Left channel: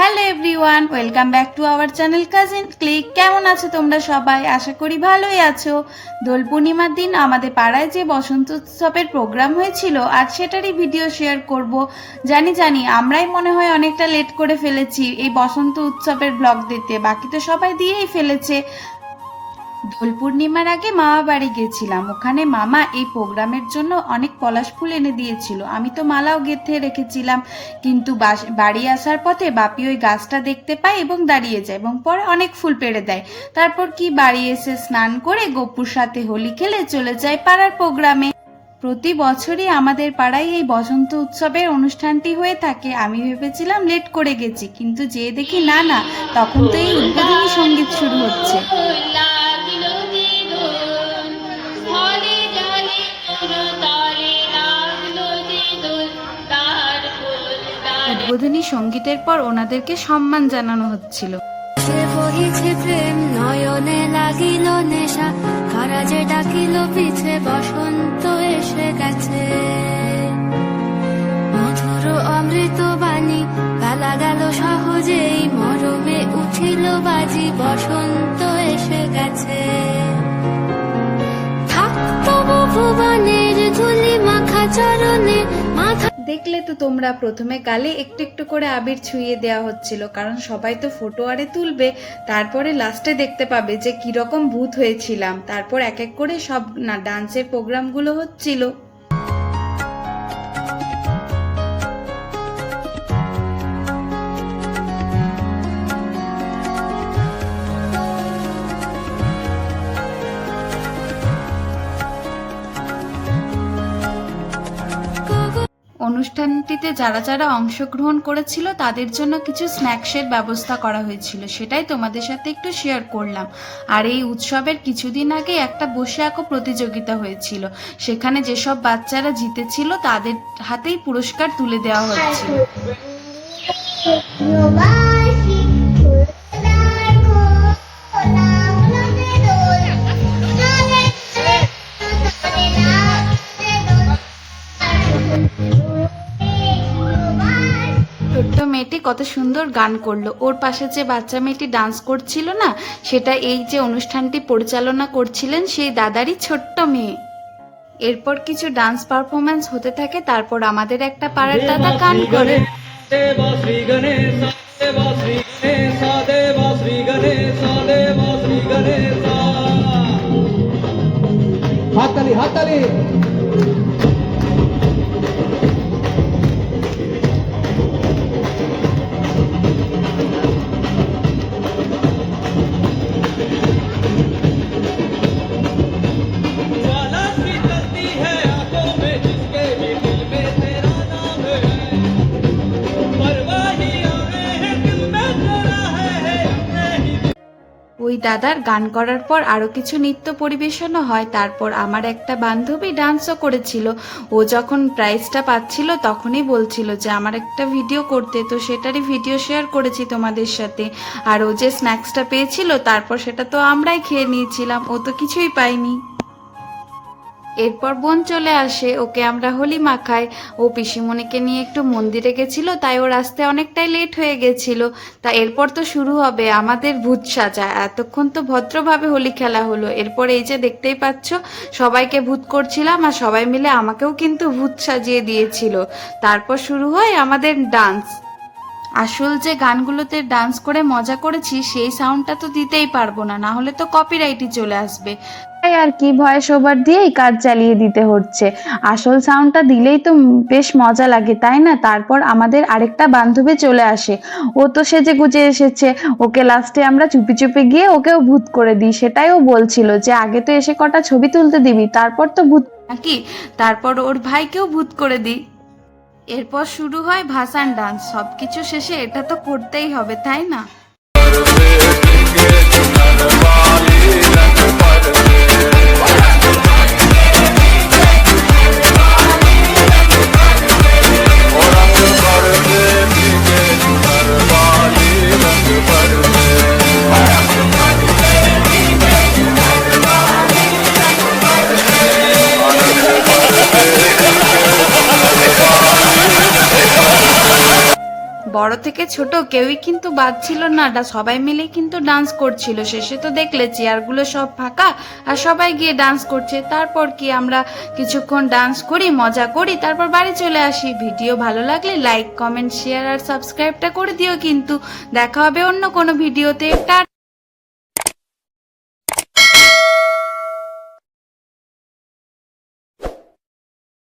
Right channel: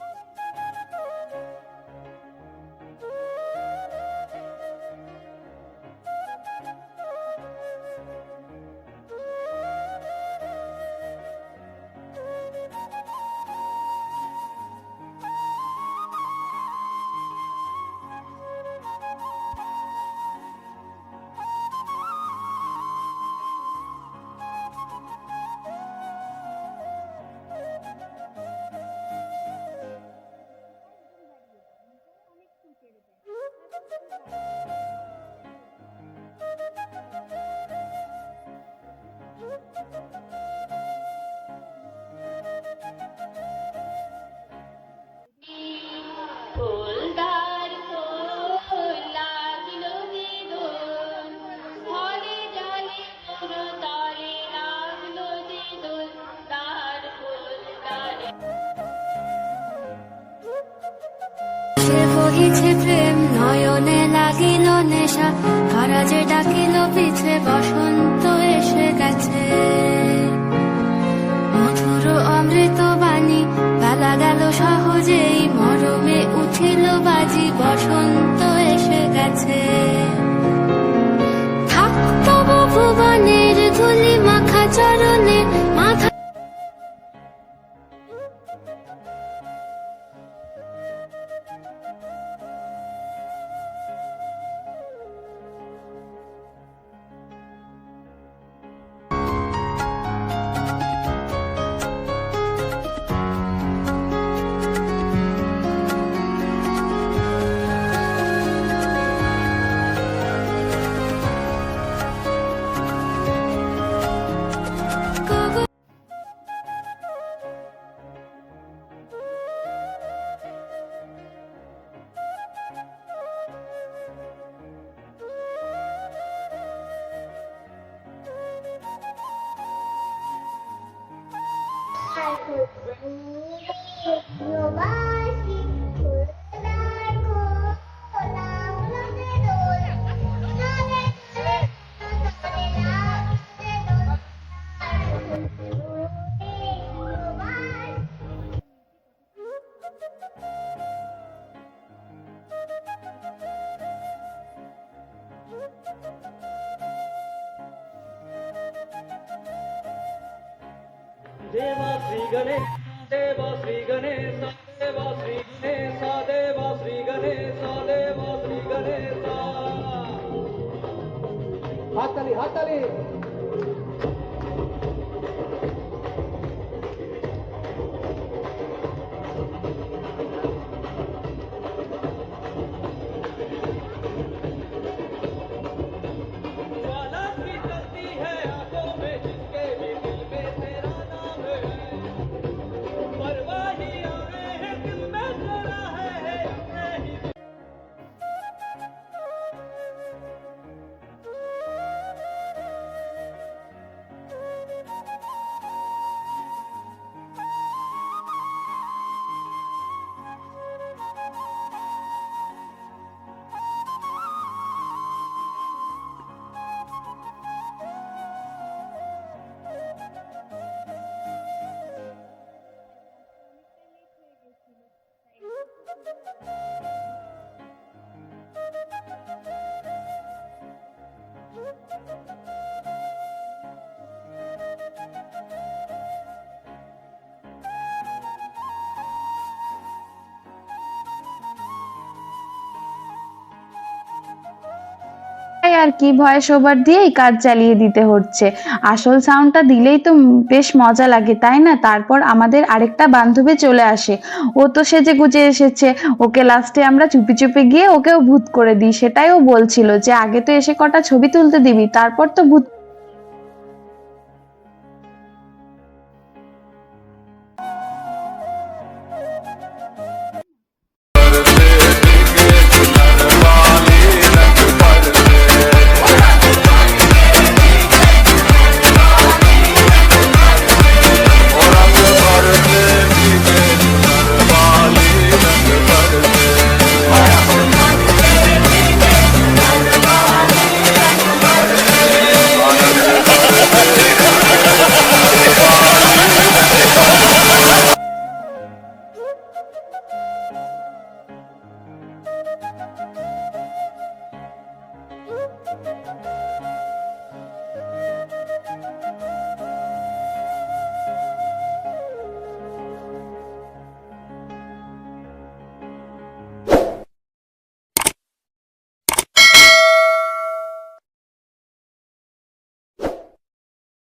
Hello everyone welcome back to our channel cousin click কেমন আছো তোমরা সবাই? আশা করি ভালোই আছো। দোল পূর্ণিমার দিন আমাদের পাড়ায় যে বসন্ত উৎসবের প্রোগ্রাম হয়েছিল আর সেটারই ভিডিও শেয়ার করব। জানি জানি, আমরাই মনে হয় অনেকটা লেট করে ফেলেছি এই বসন্ত উৎসবের ব্লগ দিতে। বাকি তো সবাই দিয়েই ফেলেছে। দোল পূর্ণিমার আগে মামা বাড়ি গেছিলাম। ওখানে মামা এই প্রোগ্রামের জন্য অনেক পলাশ ফুল এনে দিয়েছিল। আমি তো মালাও গেঁথে রেখেছিলাম, কিন্তু বাড়ি আসার পথে বাপি ওই গাছটা দেখতে পায় এবং দাঁড়িয়ে যায় এবং পরে অনেক ফুল পেড়ে দেয়। তারপর কি বাড়ি এসে স্নান করে গপুর সাথে হোলি খেলে চলে যায় পাড়ার প্রোগ্রামে। প্রতি বছরই আমাদের পাড়ায় এই বসন্ত উৎসবের অনুষ্ঠানটি হয়ে থাকে। আমি ভেবেছিলাম লেট করে গেছি, কিন্তু যে দেখি না না, তখন তো এই উদ্বোধনী সংগীত শুরু হচ্ছে। উদ্বোধনী সঙ্গীতের পর ওনাদেরকে সম্মান জানানো হচ্ছিল। সে বহিছে প্রেম, নয়নে লাগিল নেশা কারা ডাকিল পিছে, বসন্ত এসে গেছে। মধুর অমৃত বাণী, বেলা গেল সহজেই, মরমে উঠিল বাজি, বসন্ত এসে গেছে। থাকতো ভুবনের ধুলি মাখা চরণে দেখলে তো তোমরা প্রথমে গালে একটু একটু করে আবির ছুঁয়ে দেওয়া হচ্ছিল, কারণ সবাই তো ফটো আরে তুলবে, তারপরে লাস্টে দেখতে পাবে যে কীরকম ভূত হয়েছিলাম। তারপর এক এক করে সব না ডান্সের প্রোগ্রামগুলো হচ্ছিল। অনুষ্ঠানটিতে যারা যারা অংশগ্রহণ করেছিল, তাদের জন্য কিছু স্ন্যাক্সের ব্যবস্থা করা হয়েছিল। সেটাই তোমাদের সাথে একটু শেয়ার করলাম। আর এই উৎসবের কিছুদিন আগে একটা বসে আঁকো প্রতিযোগিতা হয়েছিল। সেখানে যেসব বাচ্চারা জিতেছিল, তাদের হাতেই পুরস্কার তুলে দেওয়া হচ্ছিল। মেয়েটি কত সুন্দর গান করল। ওর পাশে যে বাচ্চা মেয়েটি ডান্স করছিল না, সেটা এই যে অনুষ্ঠানটি পরিচালনা করছিলেন সেই দাদারই ছোট্ট মেয়ে। এরপর কিছু ডান্স পারফরমেন্স হতে থাকে, তারপর আমাদের একটা পাড়ার দাদা গান করে। হাতালি হাতালি ওই দাদার গান করার পর আরও কিছু নৃত্য পরিবেশনও হয়। তারপর আমার একটা বান্ধবী ডান্সও করেছিল। ও যখন প্রাইজটা পাচ্ছিল তখনই বলছিল যে, আমার একটা ভিডিও করতে, তো সেটারই ভিডিও শেয়ার করেছি তোমাদের সাথে। আর ও যে স্ন্যাক্সটা পেয়েছিল, তারপর সেটা তো আমরাই খেয়ে নিয়েছিলাম। ও তো কিছুই পাইনি এরপর বোন চলে আসে, ওকে আমরা হোলি মাখাই। ও পিসিমণিকে নিয়ে একটু মন্দিরে গেছিল, তাই ওর আসতে অনেকটাই লেট হয়ে গেছিল। তা এরপর তো শুরু হবে আমাদের ভূত সাজা। এতক্ষণ তো ভদ্রভাবে হোলি খেলা হলো। এরপর এই যে দেখতেই পাচ্ছ, সবাইকে ভূত করছিলাম আর সবাই মিলে আমাকেও কিন্তু ভূত সাজিয়ে দিয়েছিল। তারপর শুরু হয় আমাদের ডান্স আসল যে গানগুলোতে ডান্স করে মজা করেছি সেই সাউন্ডটা তো দিতেই পারব না না হলে তো কপিরাইটই চলে আসবে। তাই আর কি ভয়েস ওভার দিয়েই কাজ চালিয়ে দিতে হচ্ছে। আসল সাউন্ডটা দিলেই তো বেশ মজা লাগে তাই না? তারপর আমাদের আরেকটা বান্ধবী চলে আসে। ও তো সেজে গুজে এসেছে। ওকে লাস্টে আমরা চুপি চুপি গিয়ে ওকেও ভূত করে দিই। সেটাই ও বলছিল যে আগে তো এসে কটা ছবি তুলতে দিবি তারপর তো ভূত নাকি তারপর ওর ভাইকেও ভূত করে দিই। এরপর শুরু হয় ভাসান ডান্স সব কিছু শেষে এটা তো করতেই হবে তাই না? থেকে ছোট কেউই কিন্তু বাদ ছিল না সবাই মিলে কিন্তু ডান্স করছিল। শেষে তো দেখলে চেয়ারগুলো সব ফাঁকা আর সবাই গিয়ে ডান্স করছে। তারপর কি আমরা কিছুক্ষণ ডান্স করি, মজা করি, তারপর বাড়ি চলে আসি। ভিডিও ভালো লাগলে লাইক কমেন্ট শেয়ার আর সাবস্ক্রাইবটা করে দিও কিন্তু। দেখা হবে অন্য কোনো ভিডিওতে। টাটা!